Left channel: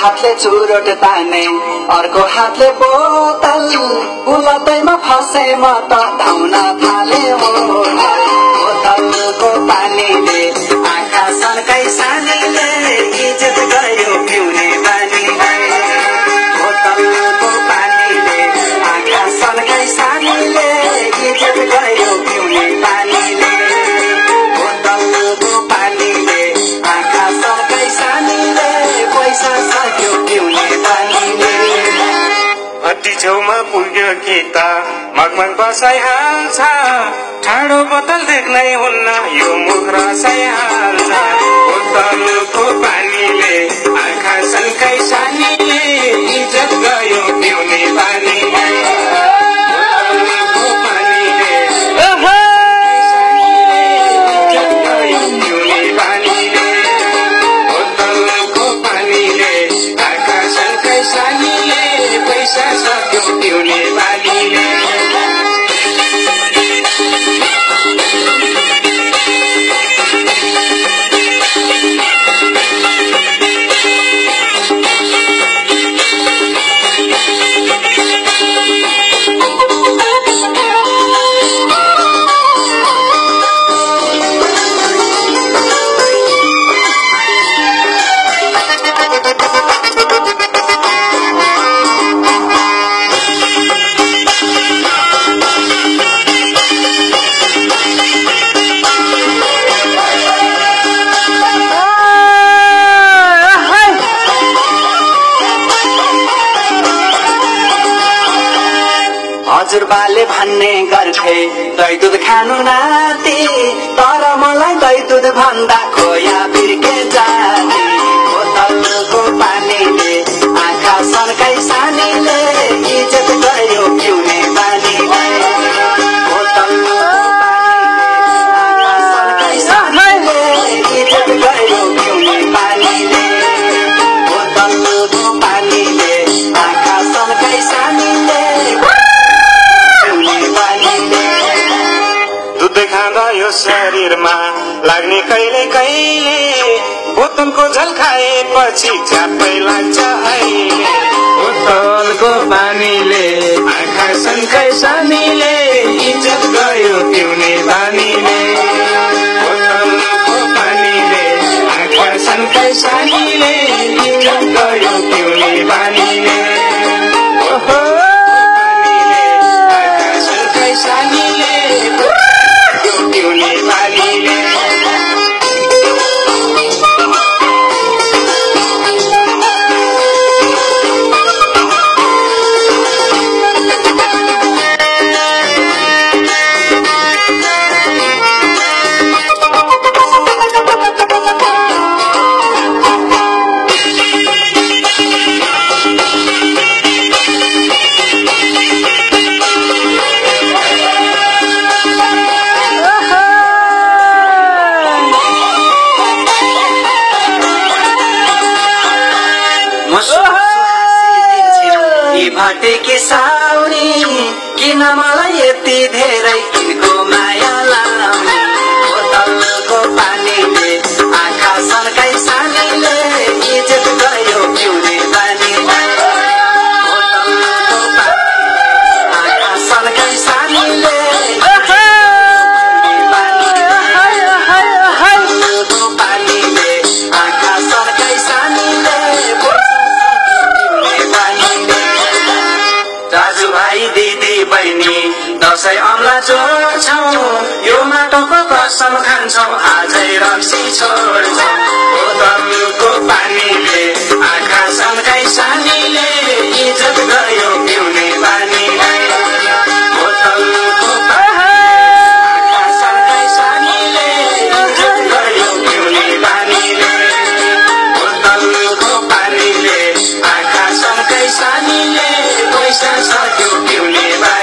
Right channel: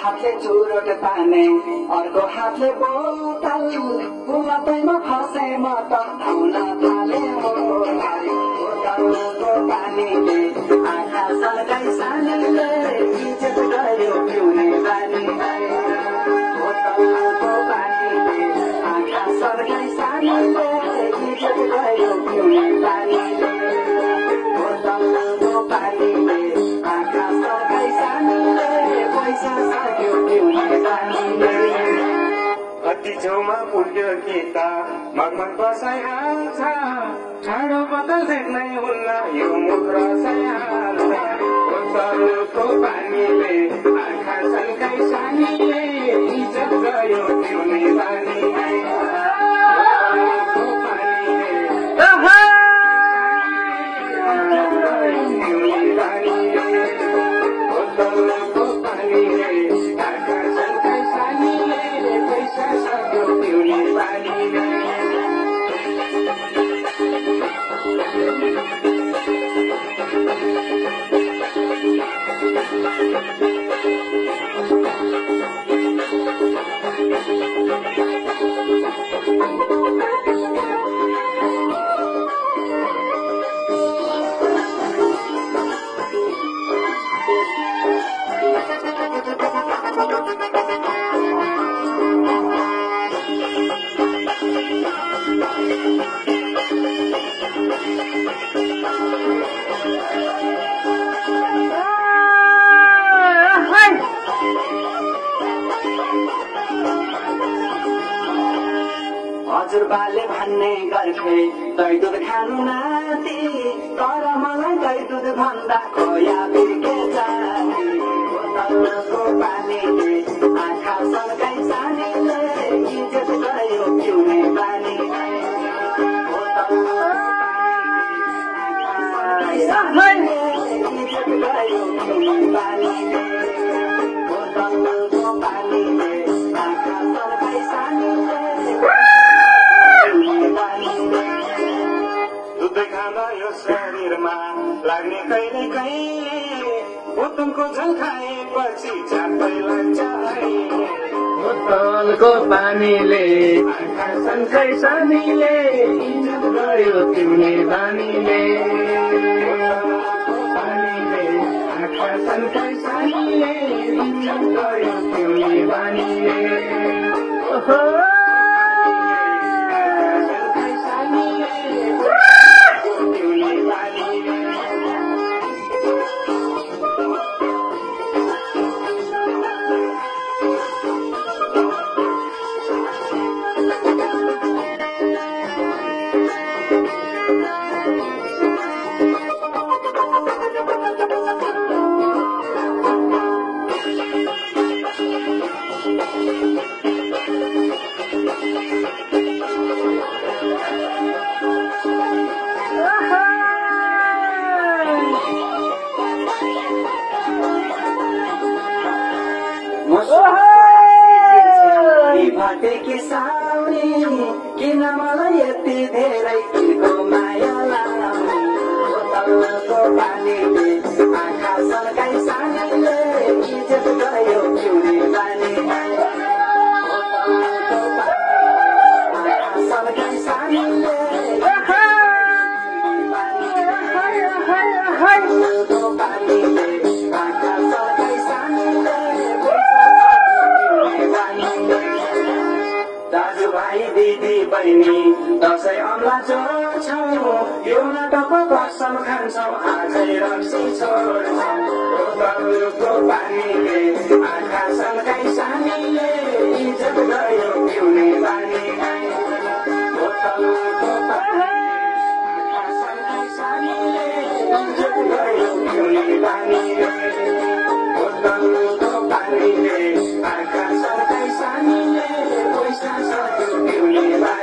हातले चुरोट ताने अर्को हातले बोतल उलटैमा फसे म त धाउन थाले बोतलको पानीले आँखा सन्काई सानीले इज्जत गयो पिउने बानी बोतलको पानीले आँखा सन्काई सानीले इज्जत गयो पिउने बानीले बोतलको पानीले आँखा सन्काई सानीले पैसा सक्यो पिउने बानीले अति छेउमा पुग्यो कि त मगमग बसाइहाल्छ ठाडो बोतल देख्नै हुन्न यो मुख रसाइहाल्छ बोतलको पानीले आँखा सन्काई सानीले इज्जत गयो पिउने बानीले बोतलको पानीले इज्जत गयो पिउने बानीले बोतलको पानीले आँखा सन्काई सानीले पैसा सक्यो पिउने बानीले हजुरबाले भन्ने गर्थे दही दुध खानु नाति तर मलाई दही दुध भन्दा खोया बिर्के जाने बोतलको पानीले आँखा सन्काई सानीले इज्जत गयो पिउने बानीले बोतलको पानीले इज्जत गयो पिउने बानीले बोतलको पानीले आँखा सन्काई सानीले दुध खाँदा यो शरीरमा लाग्ने कहिले कहिले बोतलको झल खाएपछि झ्याप्पै लाग्छ अहिले बोतलको पानीले आँखा सन्काई सानीले इज्जत गयो पिउने बानीले बोतलको पानीले आँखा सन्काई सानीले इज्जत गयो पिउने बानीले आँखा सन्काई सानीले पिउने बानीले भटेकी साउनी किन मलाई यति धेरै तिनको माया लाउने बोतलको पानीले आँखा सन्काई सानीले इज्जत गयो पिउने बानीले बोतलको पानीले आँखा सन्काई सानीले बोतलको पानीले आँखा सन्काई सानीले दाजुभाइ दिदी बहिनी दसैँ औँला जोड्छौँ यो माटोको कसम खान्छौँ आजै रक्सी छोड्छौँ बोतलको पानीले आँखा सन्काई सानीले इज्जत गयो पिउने बानीले बोतलको आँखा सन्काई सानीले इज्जत गयो पिउने बानीले बोतलको पानीले आँखा सन्काई सानीले पैसा सक्यो पिउने